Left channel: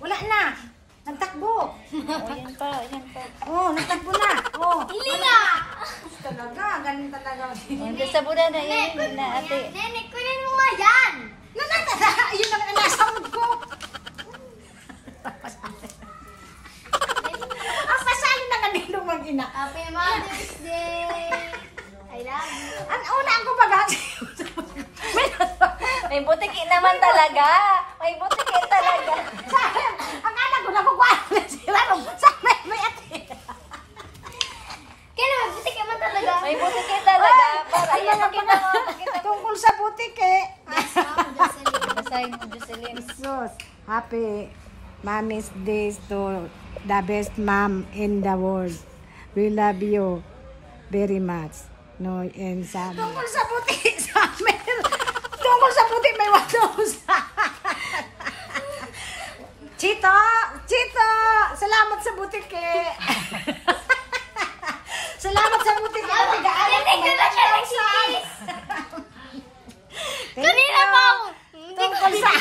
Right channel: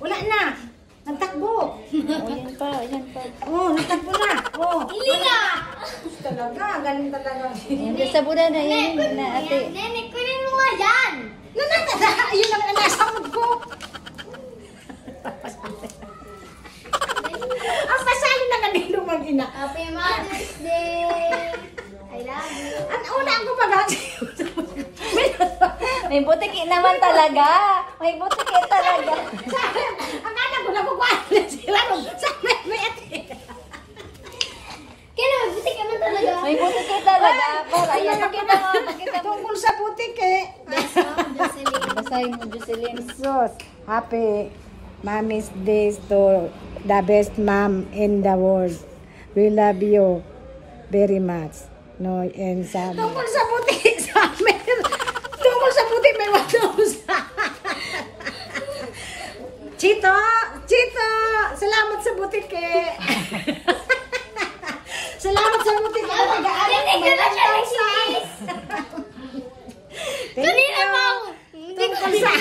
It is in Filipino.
Wala na. Nagtakbo. Ayan pa. Oh, nagtakbo na. Oh. Hindi na. Talaga, galing talaga. Basta buda na yan. Na ate. Nene, kunin mo nga yan. Yun ang nasamod ko. Ang pasali na kanino mag-ina. Happy Mother's Day. I love you. Ang una ko mag-hati. May putik naman talaga. May putik talaga. Akala ko na magwala sila. Sana may ate. Kaya naman, butik naman talaga. May putik talaga. Ay, ay mga tungkol sa butik eh. Basahin mo, Jocelyn. Jesus, happy Mommy's Day to the best mom in the world. We love you very much. No, and sa tungkol sa butik sa amin. Tungkol sa butik may watusa. Chito, salamat sa butik eh. Salamat sa butik eh. Thank you. Tungkol sa